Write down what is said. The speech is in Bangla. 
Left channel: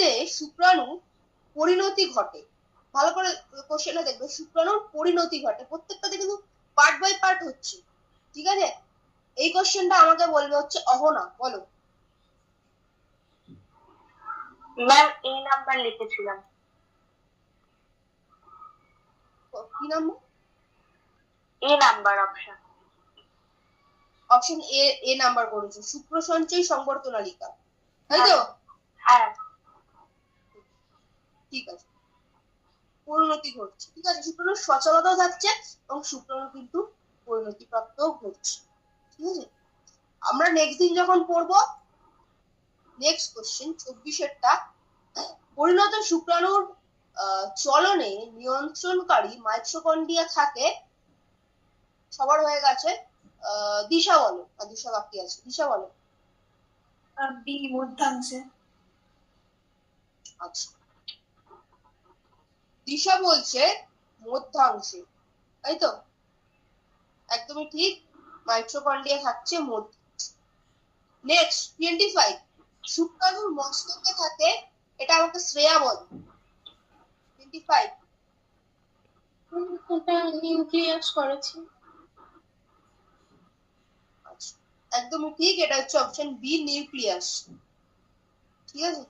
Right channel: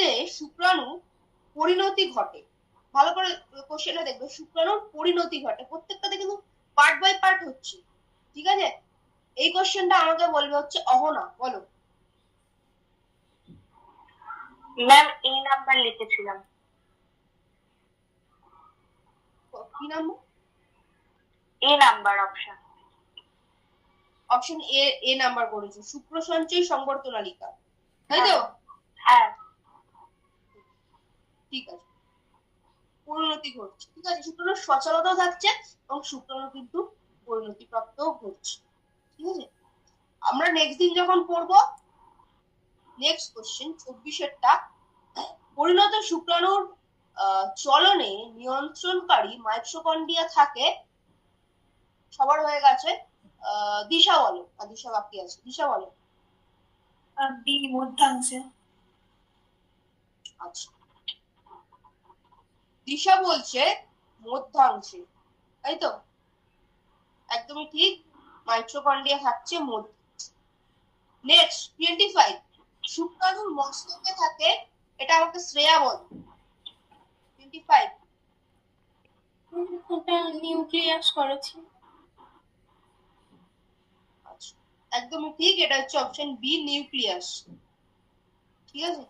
মধ্যে শুক্রাণু পরিণতি ঘটে। ভালো করে কোশ্চেনটা দেখবে, শুক্রাণুর পরিণতি ঘটে। প্রত্যেকটাতে কিন্তু পার্ট বাই পার্ট হচ্ছে, ঠিক আছে? এই কোশ্চেনটা আমাকে বলবে হচ্ছে অহনা, বলো। ম্যাম এই নাম্বার লিখেছিলাম। কি number? A number option. Option A number করেছো, শুক্র সঞ্চয় সংবর্ধনালিকা, তাই তো? হ্যাঁ ঠিক আছে, পরিণতি ঘটছে, ঠিক আছে। শুক্রাণুর সচলতাও থাকছে এবং শুক্রাণু কিন্তু পরিণতি প্রাপ্তও ঘটছে, ঠিক আছে। আমরা নেক্সট দিন যখন পড়বো, নেক্সট কোশ্চেন 24-এরটা, পরিণত শুক্রাণুর চলনে নিয়ন্ত্রণকারী মাইটোকন্ড্রিয়া থাকে। সবার হয়ে গেছে, দিশা বলো। আর দিশা বাকি আছে, দিশা বলো। বি মধ্যাংশে। আচ্ছা, দিশা বলছে মধ্যাংশে, তাই তো? একদমই ঠিক, মাইটোকন্ড্রিয়া থাকছে মধ্যে। নেক্সট 25, শুক্রাণুর মস্তকে থাকে, এটা আমাকে শ্রেয়া বল। 25, ওটা নিউক্লিয়াস করেছি। আচ্ছা, একদমই ঠিক, এটা হচ্ছে অপশন বি, নিউক্লিয়াস, ঠিক আছে।